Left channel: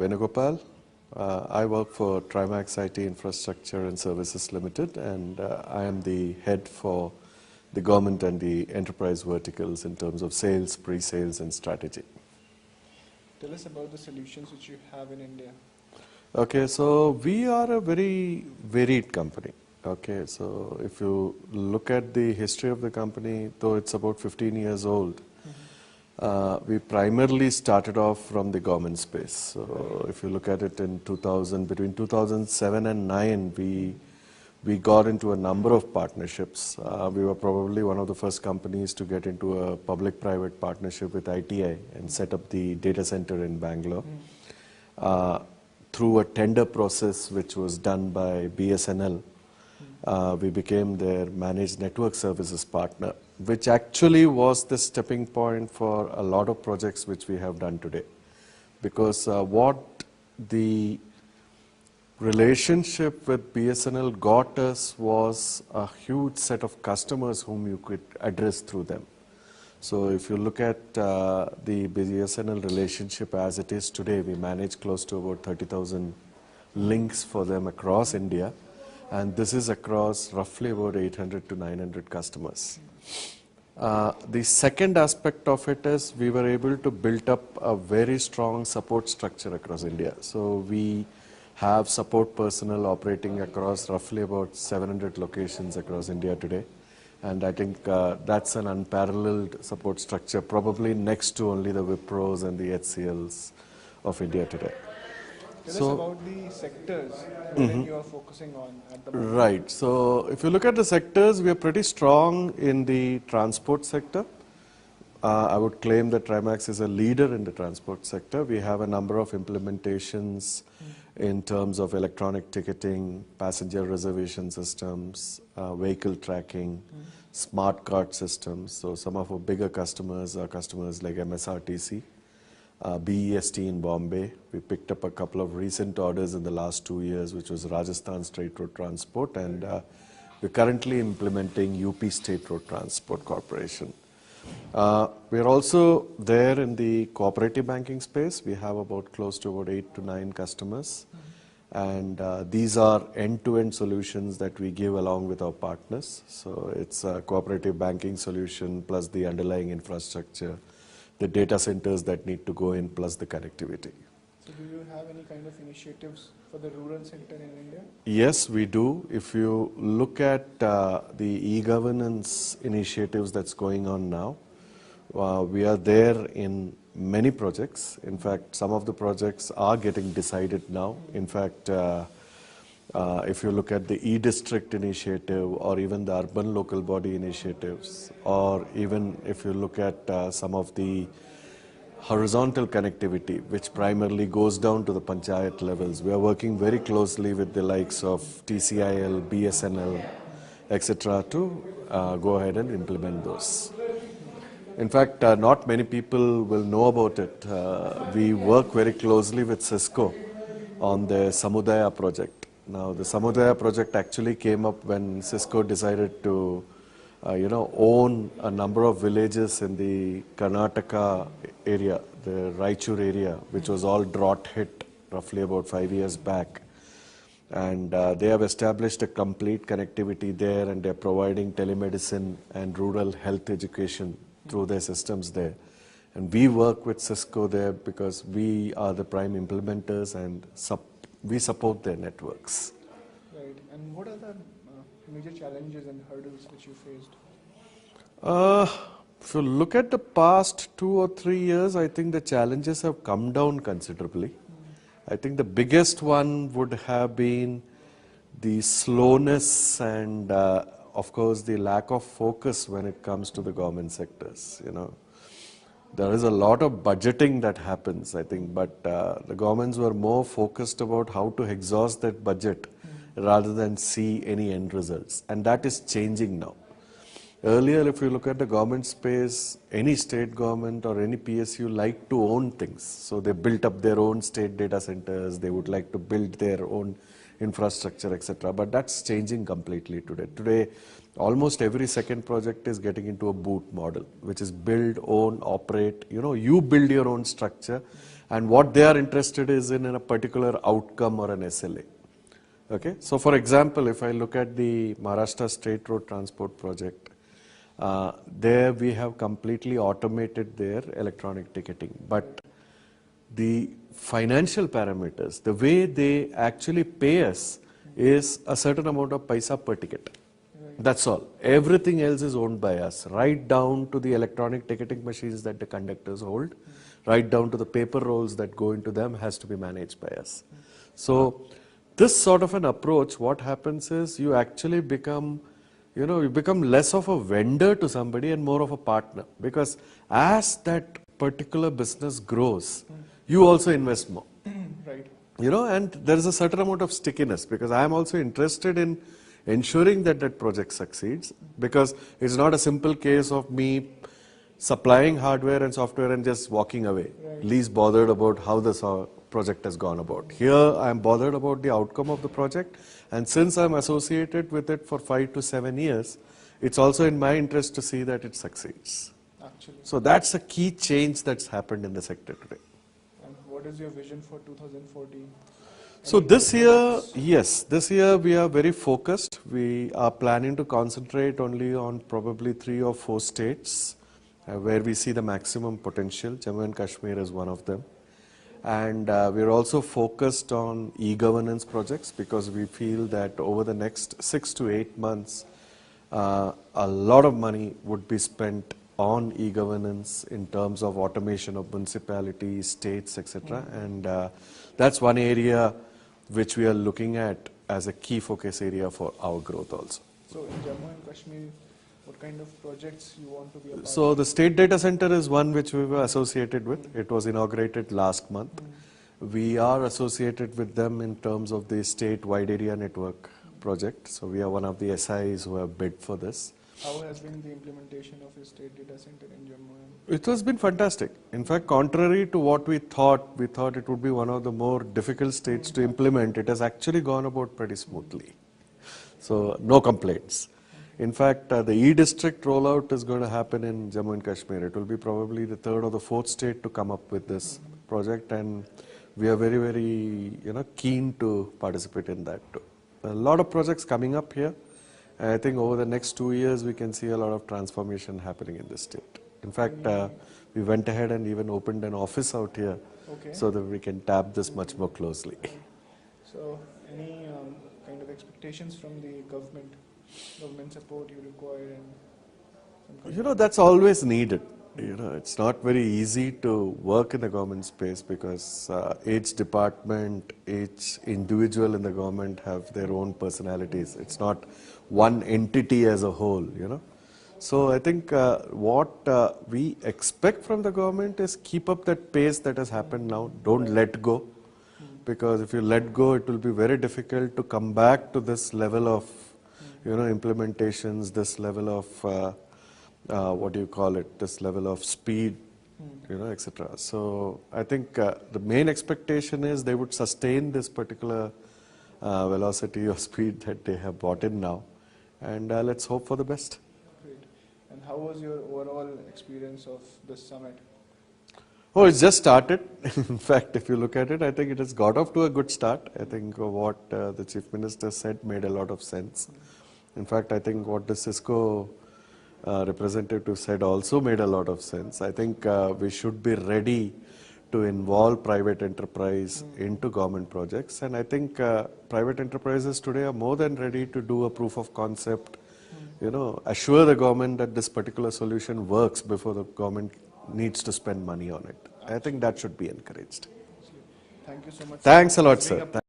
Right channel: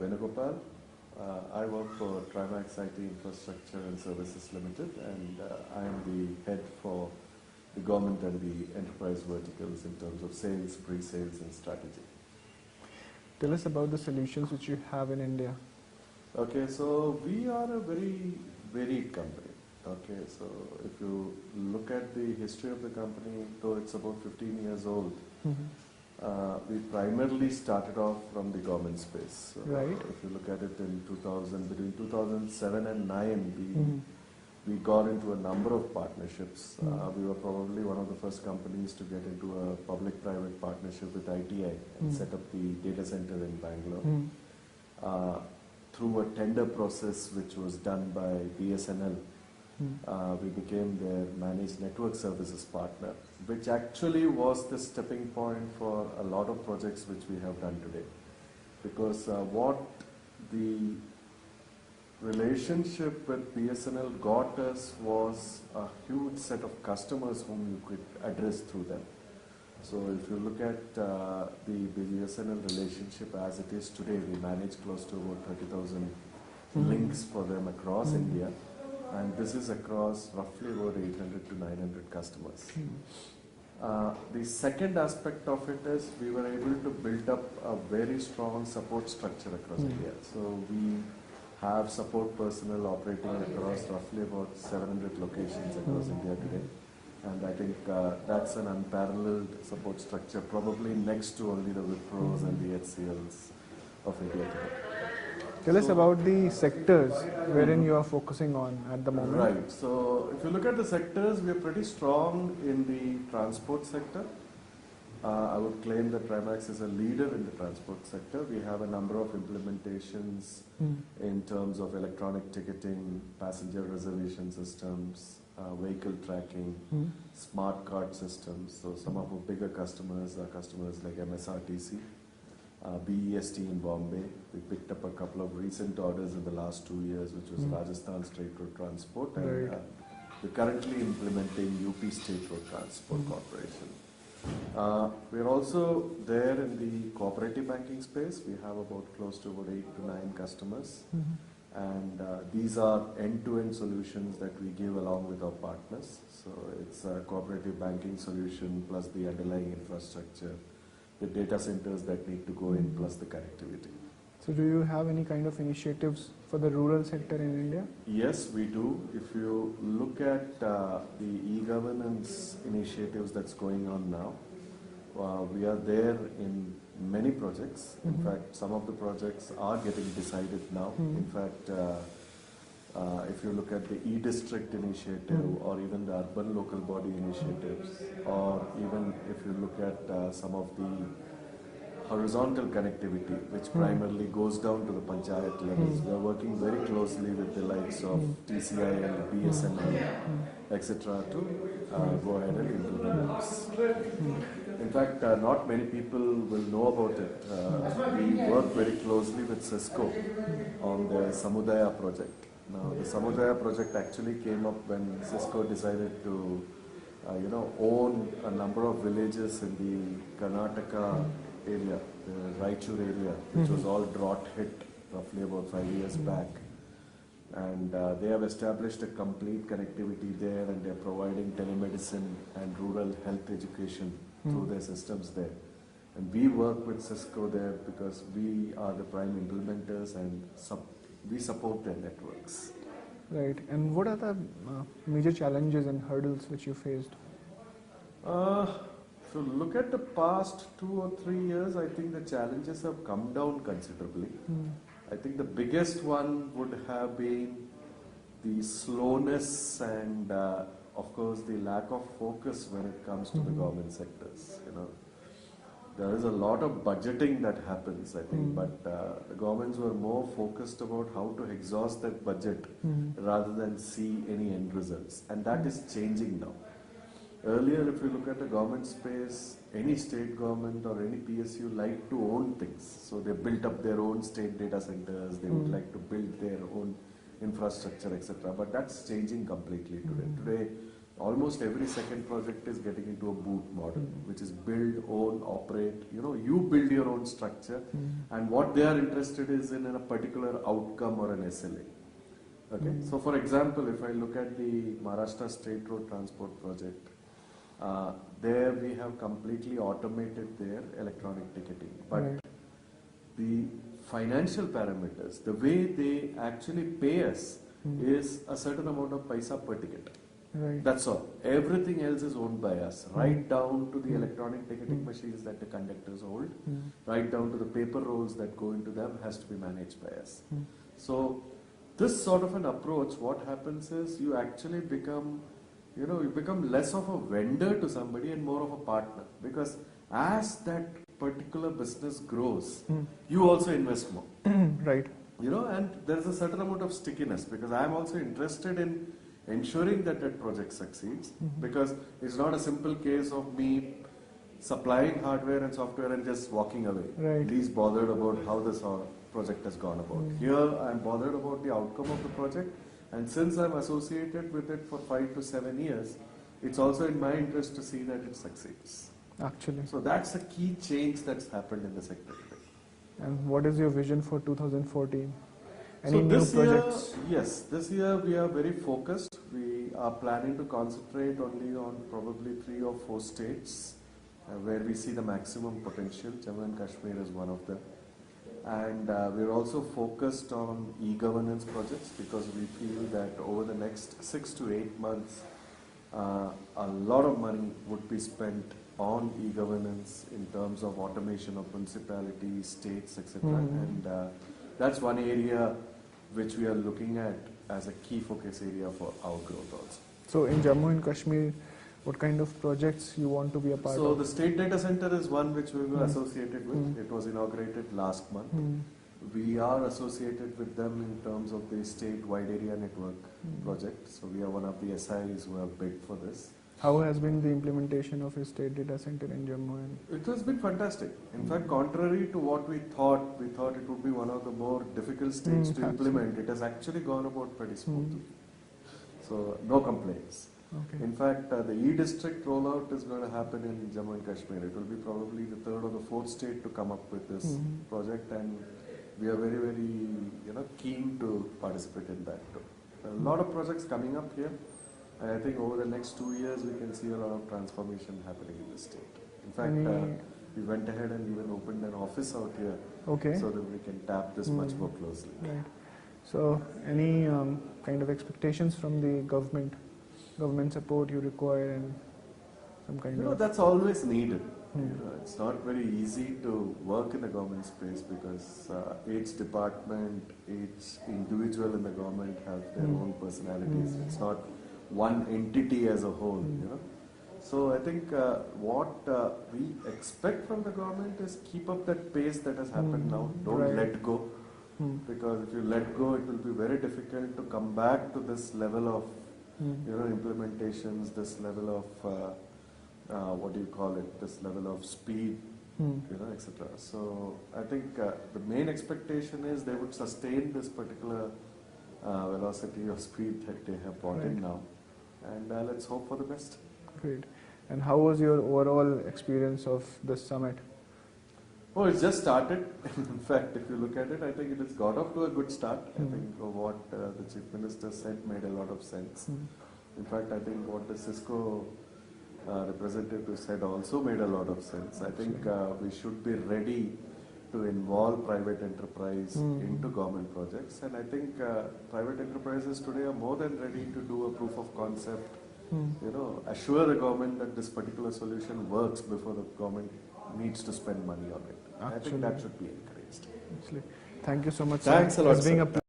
Venugopal. I work for Trimax IT Infrastructure and Services Limited, and I am the head for the government and the enterprise verticals in terms of sales, pre-sales, and strategy. Tell us about the solutions which you have in India. Okay, so we are a very varied company. Okay, so if you look at the history of the company, though it's about 15 years old, we primarily started off from the government space. So Right. if you look at it in 2000, between 2007 and 9, we got into a number of partnerships. We were probably one of the first companies to get into a public-private partnership with ITI and set up the data center in Bangalore. Through a tender process which was done by BSNL, we became their managed network services partner, which actually was the stepping point for a lot of projects which we have done today. Because what the relationship with BSNL got us was a huge set of customers whom you could address through them. So if you look at the BSNL relationship as it is today, we manage close to about 30,000 links for them across India. And this is across roughly about 800 to 900 customers. The second aspect of it is we were able to build up a very strong support structure across India. So we have support personnel operating across roughly about 700 locations across India today. And I think that's an unparalleled support structure, probably next to only the Wipros and the HCLs of India today. Tell us about the sectors wherein you are focusing on at the moment. Right. So if you look at the sectors, we are pretty strong in the transport sector. I would claim that Trimax is a leader in the transport sector. We have a number of implementations in terms of electronic ticketing, passenger reservation systems, vehicle tracking, smart card systems. So some of our bigger customers are customers like MSRTC, BEST in Bombay. We picked up a couple of recent orders in the last 2 years, which was Rajasthan State Road Transport, and we're currently implementing UP State Road Transport Corporation. We're also there in the cooperative banking space. We have about close to about 8 to 9 customers. And these are end-to-end solutions that we give along with our partners. So it's a cooperative banking solution plus the underlying infrastructure, the data centers that need to go in, plus the connectivity. So do you have any kind of initiatives for the rural sector in India? Yes, we do. If you look at the e-governance initiatives that's going on now, we are there in many projects. In fact, some of the projects are getting decided now. In fact, if you look at the e-district initiative or even the urban local body initiatives, or even if you look at some of the horizontal connectivity, which primarily goes down to the panchayat levels. We are working very closely with the likes of TCIL, BSNL, etc. to go ahead and implement those. In fact, not many people will know about it. We work very closely with Cisco on the Samudaya project. Now, the Samudaya project actually came up when Cisco decided to own a number of villages in the Karnataka area, the Raichur area, which was all drought hit roughly about 5 years back. And they have established a complete connectivity there, and they're providing telemedicine and rural health education through their systems there. And we work with Cisco there because we are the prime implementers and we support their networks. Right. And what are the major challenges and hurdles which you faced? If you look at the past 2 or 3 years, I think the challenges have come down considerably. I think the biggest one would have been the slowness and, of course, the lack of focus when it comes to the government sectors. There is a lot of budgeting that happens, I think, but the governments were more focused about how to exhaust that budget rather than see any end results. And that is changing now. Earlier, if you look at the government space, any state government or any PSU like to own things. So they built up their own state data centers, they would like to build their own infrastructure, etc. But that's changing completely today. Today, Almost every second project is getting into a boot model, which is build, own, operate. You build your own structure, and what they are interested is in a particular outcome or an SLA. Okay, so for example, if I look at the Maharashtra State Road Transport Project, there we have completely automated their electronic ticketing, but the financial parameters, the way they actually pay us is a certain amount of paisa per ticket. Right. That's all. Everything else is owned by us, right down to the electronic ticketing machines that the conductors hold, right down to the paper rolls that go into them has to be managed by us. So this sort of an approach, what happens is you actually become, you become less of a vendor to somebody and more of a partner, because as that particular business grows, you also invest more. Right. And there is a certain amount of stickiness, because I am also interested in ensuring that that project succeeds, because it's not a simple case of me supplying hardware and software and just walking away, Right. least bothered about how the project has gone about. Here I am bothered about the outcome of the project, and since I'm associated with it for 5 to 7 years, it's also in my interest to see that it succeeds. Actually. So that's a key change that's happened in the sector today. And what is your vision for 2014? So Any this new year, projects? yes, this year we are very focused. We are planning to concentrate only on probably 3 or 4 states where we see the maximum potential. Jammu and Kashmir is one of them. And we are also focused on e-governance projects, because we feel that over the next 6 to 8 months, a lot of money would be spent on e-governance in terms of automation of municipalities, states, etc. And that's one area which we are looking at as a key focus area for our growth also. So in Jammu and Kashmir, what kind of projects you want to be a part So of? the state data center is one which we were associated with. It was inaugurated last month. We are associated with them in terms of the state wide area network project. So we are one of the SIs who have bid for this. How has been the implementation of a state data center in Jammu? It has been fantastic. In fact, contrary to what we thought it would be one of the more difficult states to implement. It has actually gone about pretty smoothly. So no complaints. Okay. In fact, the e-district rollout is going to happen in Jammu and Kashmir. It will be probably the 3rd or the 4th state to come up with this project, and we are very, very keen to participate in that too. A lot of projects coming up here. And I think over the next 2 years we can see a lot of transformation happening in this state. In fact, we went ahead and even opened an office out here, Okay. so that we can tap this much more closely. Right. So any kind of expectations from the government support you require, and some kind of... That's always needed. It's not very easy to work in the government space, because each department, each individual in the government have their own personalities. It's not one entity as a whole, So I think what we expect from the government is keep up that pace that has happened now. Don't let go, because if you let go, it will be very difficult to come back to this level of implementations, this level of this level of speed, etc. So I think the main expectation is they would sustain this particular velocity or speed that they have brought in now, and let's hope for the best. Great. And how was your overall experience of this summit? Oh, it's just started. In fact, if you look at it, I think it has got off to a good start. I think what the Chief Minister said made a lot of sense. In fact, I think what the Cisco representative said also made a lot of sense. I think we should be ready to involve private enterprise into government projects, and I think private enterprises today are more than ready to do a proof of concept, assure the government that this particular solution works before the government needs to spend money on it. I think that should be encouraged. Thank you so much. Thanks a lot, It's being sir. a